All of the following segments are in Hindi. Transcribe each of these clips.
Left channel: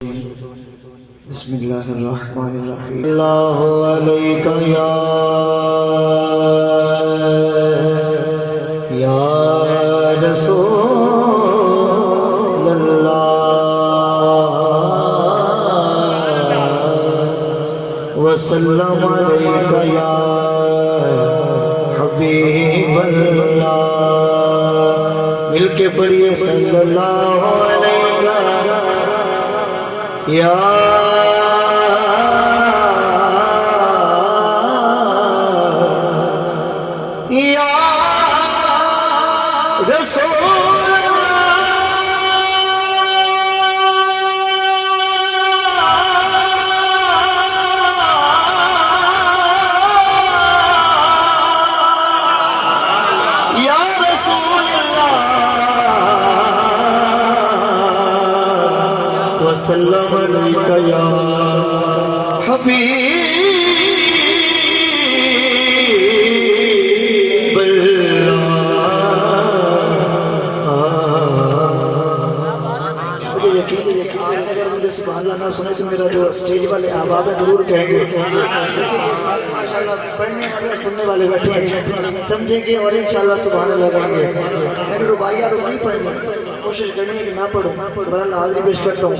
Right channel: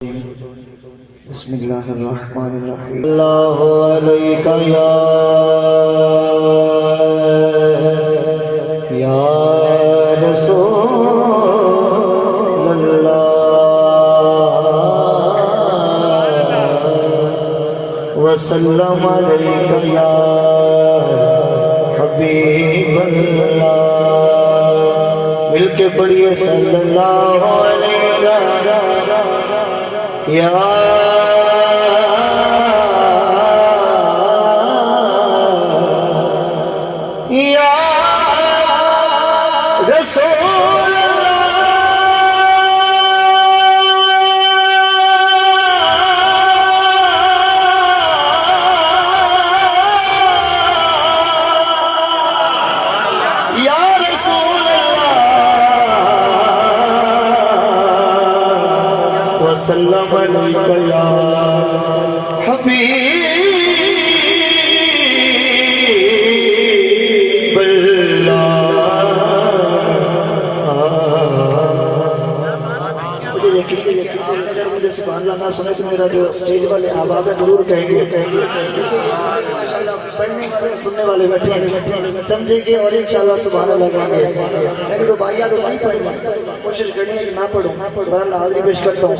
बिस्मिल्लाहिर्रहमानिर्रहीम। अल्लाहु अलैका या रसूलल्लाह वसल्लम अलैका या हबीबल्लाह। मिलके पढ़िए सल्लल्लाहु अलैका या वसल्लम अलैका या हबीबल्लाह। मुझे यकीन है कि आपने अगर मुझे सुभान अल्लाह ना सुने तो मेरा जो स्टेज वाले आवाज़ जरूर कहेंगे, क्योंकि ये सारे माशाल्लाह पढ़ने वाले और सुनने वाले बैठे हैं, समझेंगे और इंशाल्लाह सुभान अल्लाह कहेंगे। मैंने रुबाइया तो नहीं पढ़नी, कोशिश करनी है कि ना पढ़ो बहरहाल हाजिरी पेश करता हूँ।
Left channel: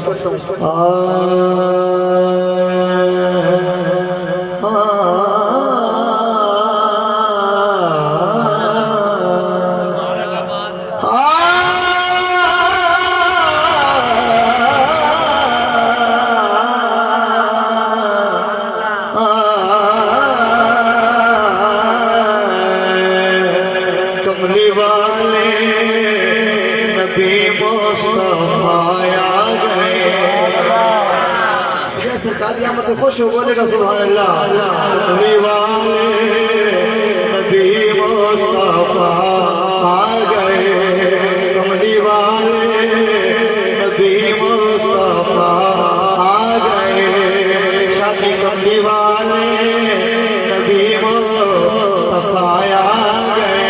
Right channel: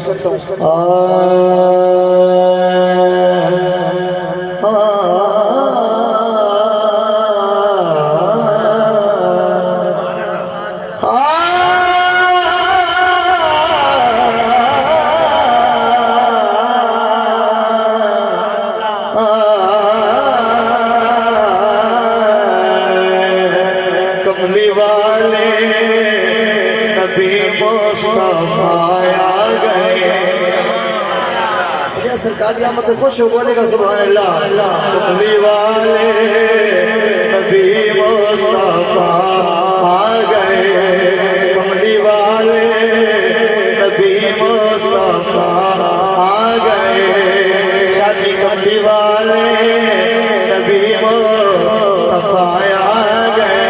कमली वाले नबी मुस्तफा आ गए। सरकार की आमद से खुश हो बोलेगा सुभान अल्लाह। कमली वाले नबी मुस्तफा आ गए। कमली वाले नबी मुस्तफा आ गए। शादी कमली वाले नबी मुस्तफा आ गए।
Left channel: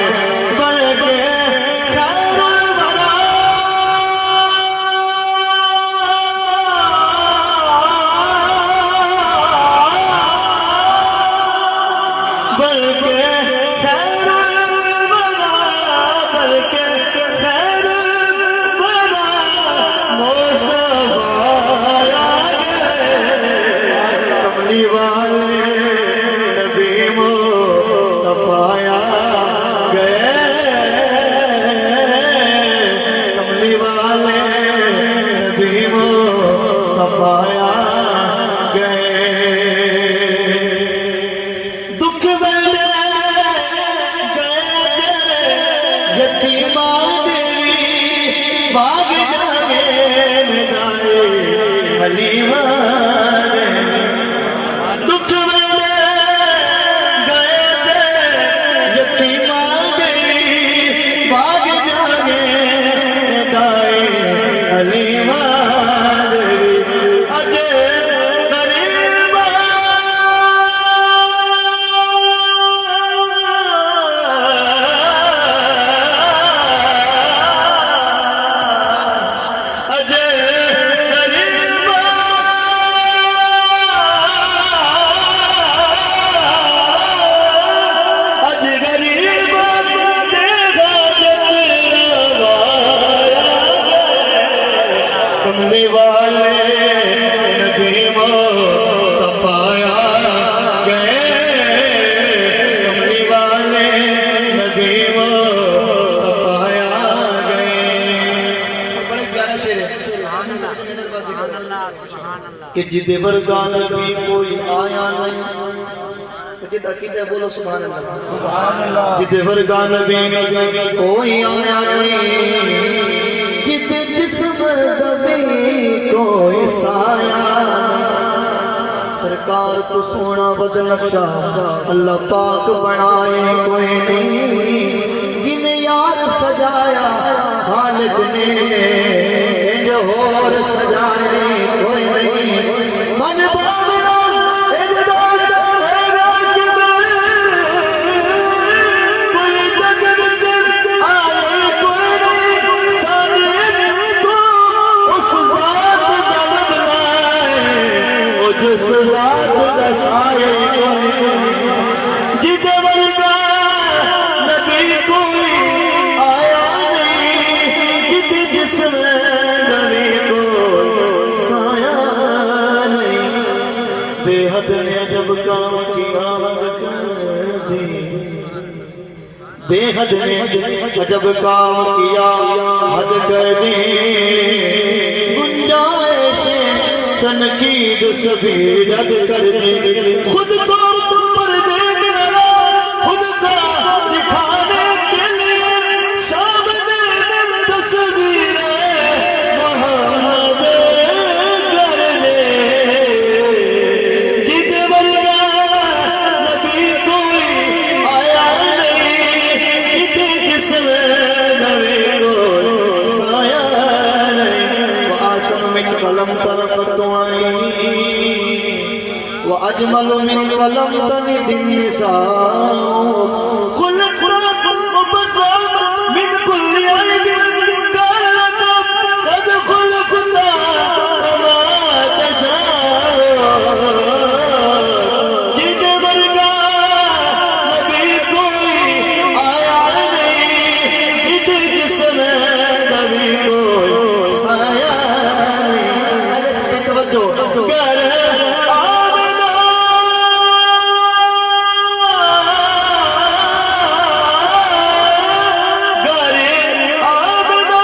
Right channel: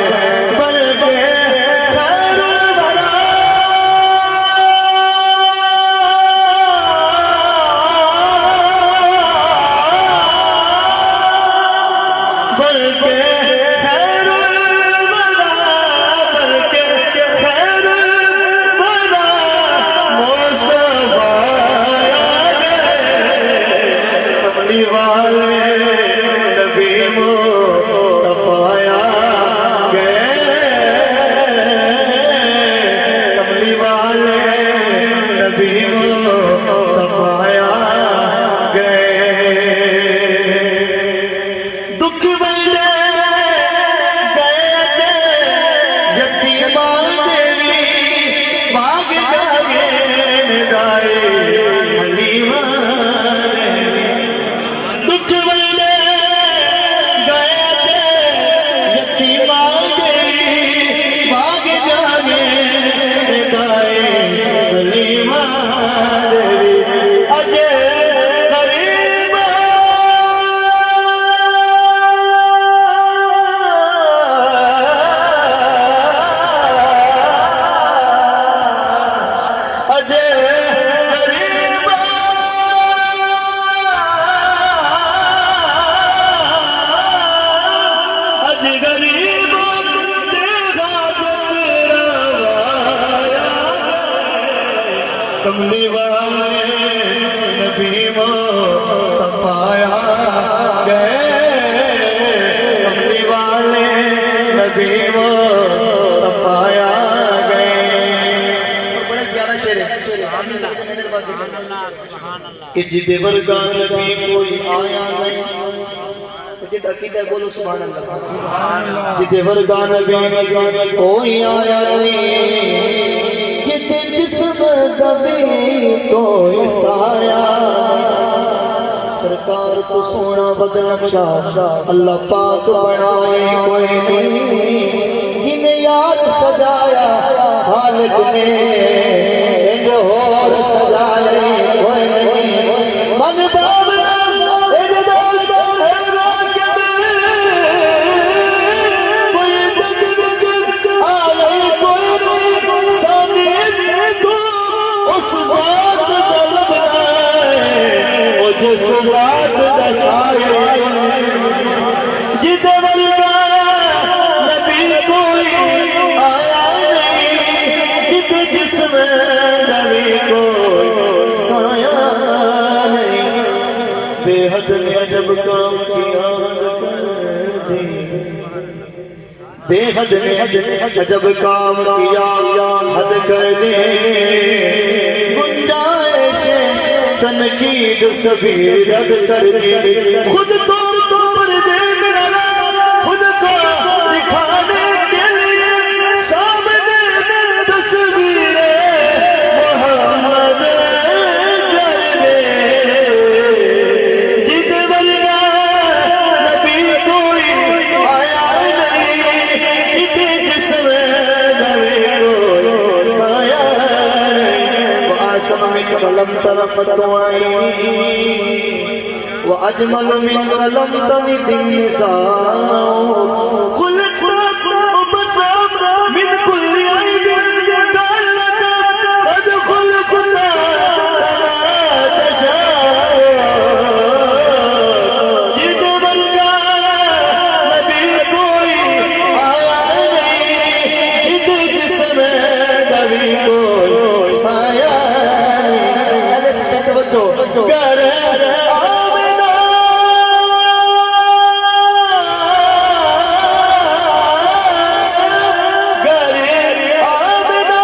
कमली वाले नबी मुस्तफा आ गए। कमली वाले नबी मुस्तफा आ गए। बड़ा प्यारा शेर है कि जिदे वर्गा नबी कोई आया नहीं। अकीदा बोलो सुभान अल्लाह। जिदे वर्गा नबी कोई आया नहीं। कोई साया सरकार तो सोना बदनक्शा अल्लाह पाक बनाए कोई नहीं। जिन्हें यार सजाया खालिक ने जो और सजाए कोई नहीं। मन उस जिस जात दा साया जिद वर्गा नबी कोई आया नहीं, जिद जिस्म नबी को साया नहीं। बेहद ने जब काम किया बेहद ने जब काम किया हद कर दे, गुंजाइश तनकीद सभी रद कर दे। खुद को पर्दे में खुद को दिखाने के लिए सामने तस्वीरें मोहम्मद कर दे। जिद वर्गा नबी कोई आया नहीं, जिद जिस्म नबी को साया नहीं। आसम में कलम तलक़त आईनी व अजमल मिन कलम तलिद निसाओ। खुलक़ मिन कुल्लि ऐबिन कलक़ क़द खुलक़ता कमा तशाओ। जिद वर्गा नबी कोई आया नहीं, जिद जिस्म नबी को साया नहीं। अरे से तवज्जो कर आमिना गरे आमिना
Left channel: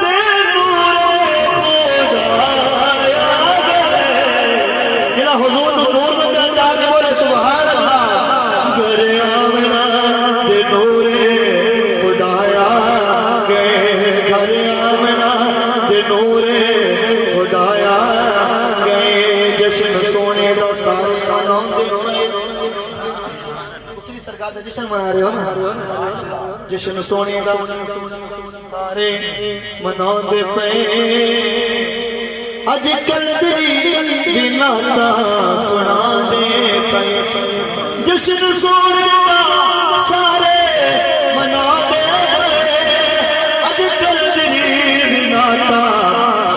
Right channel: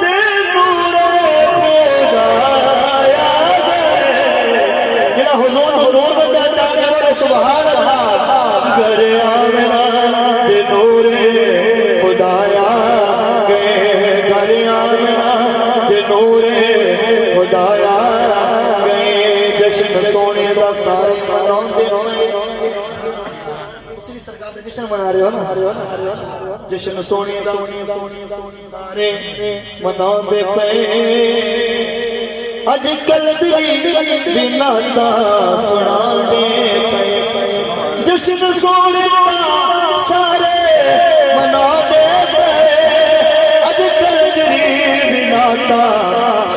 ते नूरे खुदा आया गए। जिला हुजूर नूर बंदा ताके बोले सुभान अल्लाह। गरे आमिना ते नूरे खुदा आया गए, गरे आमिना ते नूरे खुदा आया गए। जश्न सोने दा सारे मनाउंदे पए, तुसी भी सरकार दा जश्न मना रहे हो ना। जश्न सोने दा सारे मनाउंदे पए। अजकल दी बिना दा सुनांदे पए। जश्न सोने दा सारे मनाउंदे पए। अजकल दी बिना दा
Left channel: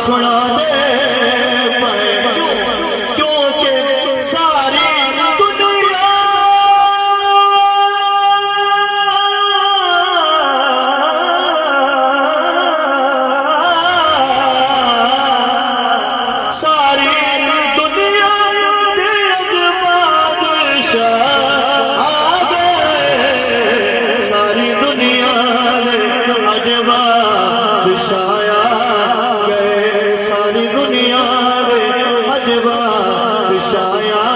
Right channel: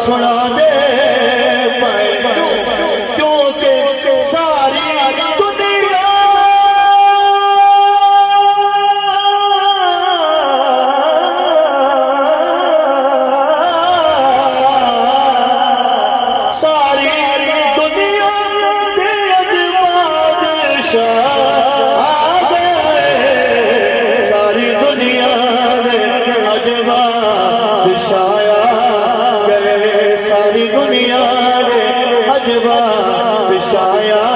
सुनांदे पए। क्योंकि सारी दुनिया सारी दुनिया दे बादशाह आ गए। सारी दुनिया दे बादशाह आ गए। सारी दुनिया दे बादशाह आ